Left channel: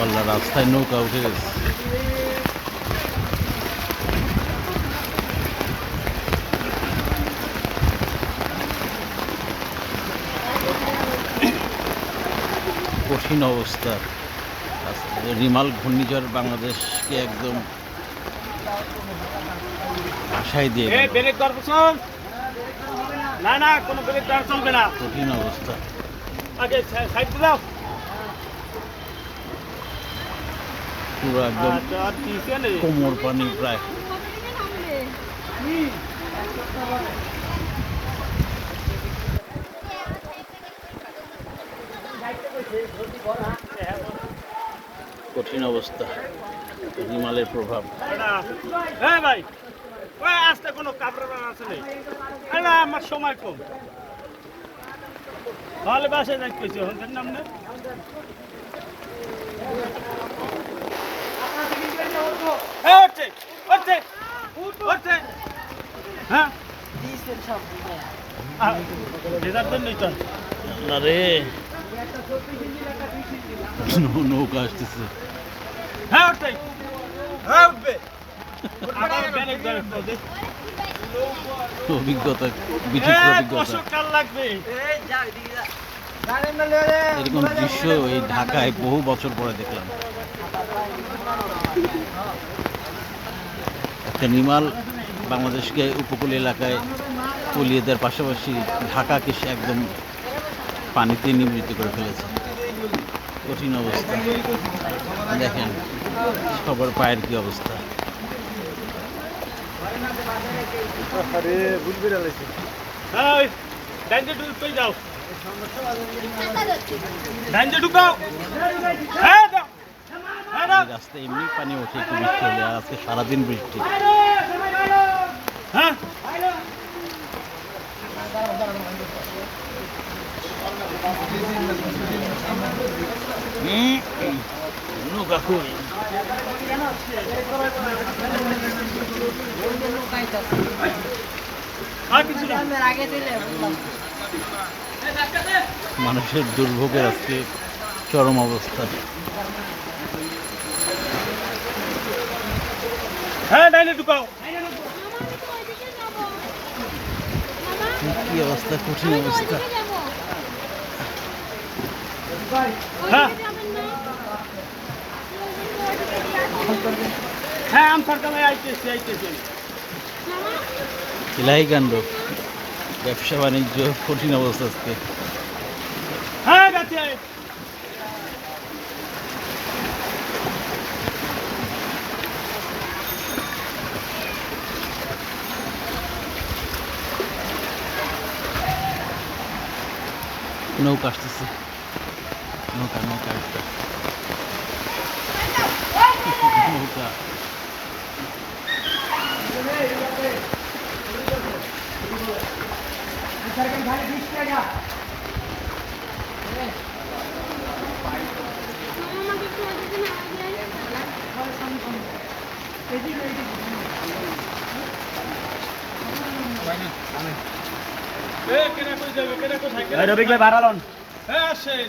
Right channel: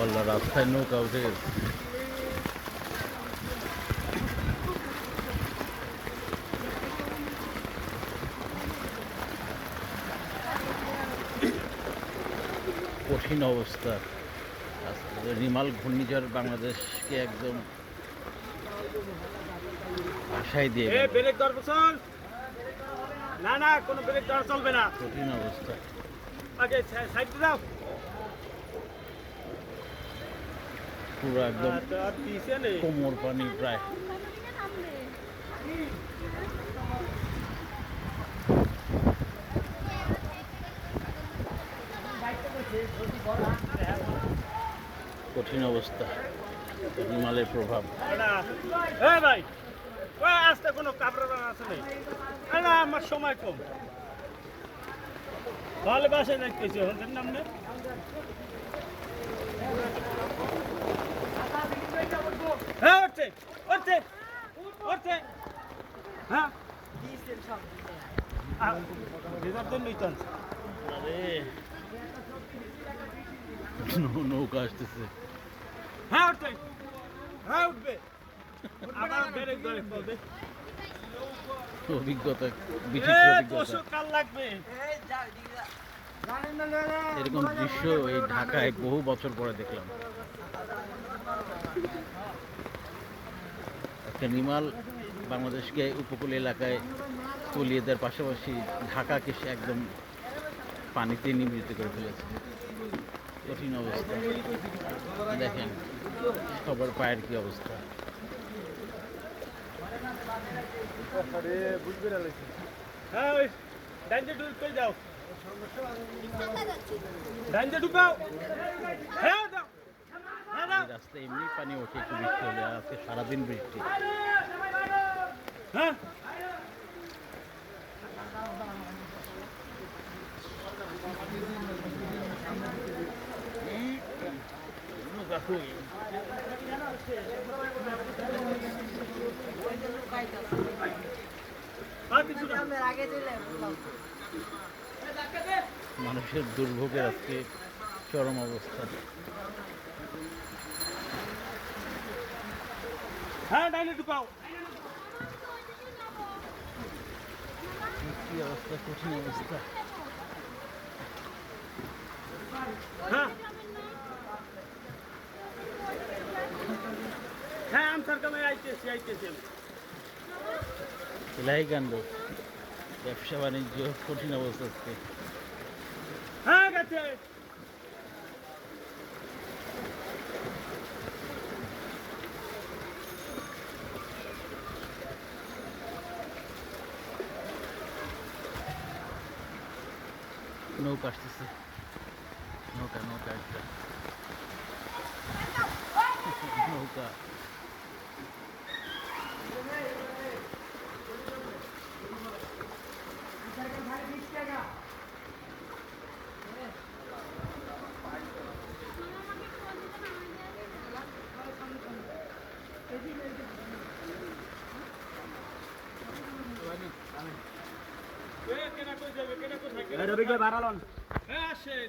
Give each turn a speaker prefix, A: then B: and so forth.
A: ওয়াল্লা রাস্তায় নৌকা উঠে গেছে। কঠিন অবস্থা। রিমাল ঘূর্ণিঝড় বাংলাদেশকে একদম ভাষায় দিয়ে
B: না না কোনো ব্রেক চলবে না।
A: কঠিন অবস্থা।
B: আগে সাইড দাও।
A: পুরো একদম
B: আচ্ছা
A: কোমর পানি প্রায়। কঠিন অবস্থা হিমালয়ের প্রভাব।
B: হ্যাঁ ভাই কোনো কাপড় আছে নেই আমার সময় কম। তাহলে বাসে যাইতেছি হন্টের নাম না হ্যাঁ হচ্ছে হচ্ছে হচ্ছে হ্যাঁ?
A: নৌকা আসতেছে।
B: হ্যাঁ হ্যাঁ উঠবে।
A: অভিজ্ঞতা বিচিত্র অভিজ্ঞতা। এরকম দৃশ্য এই ঢাকায় বহু বছর পরে দেখলাম। নিমাল বাংলাদেশকে উপকূল এলাকায় তলিয়ে দেওয়ার পাশাপাশি ঢাকাকে সে একদম পানিতে নিবৃত্ত করে ফেলেছে। কঠিন অবস্থা। দেখেন, সবার পায়ের কি অবস্থা।
B: হ্যাঁ যাও।
A: এমনি পানি ওঠে একটু বৃষ্টি হলে আর আজকে সারাদিন বৃষ্টি।
B: হ্যাঁ?
A: মানুষের দুর্ভোগের আজকে চরম অবস্থা।
B: হ্যাঁ ডাইনে ঢুকাও।
A: কি অবস্থা কঠিন অবস্থা।
B: হ্যাঁ। হ্যাঁ আম সরকার আইতেছি আইতেছি।
A: ইলাহি কাণ্ড। ব্যবসা বাণিজ্য কঠিন অবস্থা আজকে
B: হ্যাঁ গাছে আয়
A: নৌকা আসতেছে। নৌকা নৌকা আসবে। নৌকা।
B: এ কেনা
C: রবিক ভাই বাড়ালন
B: হ্যাঁ আসেন।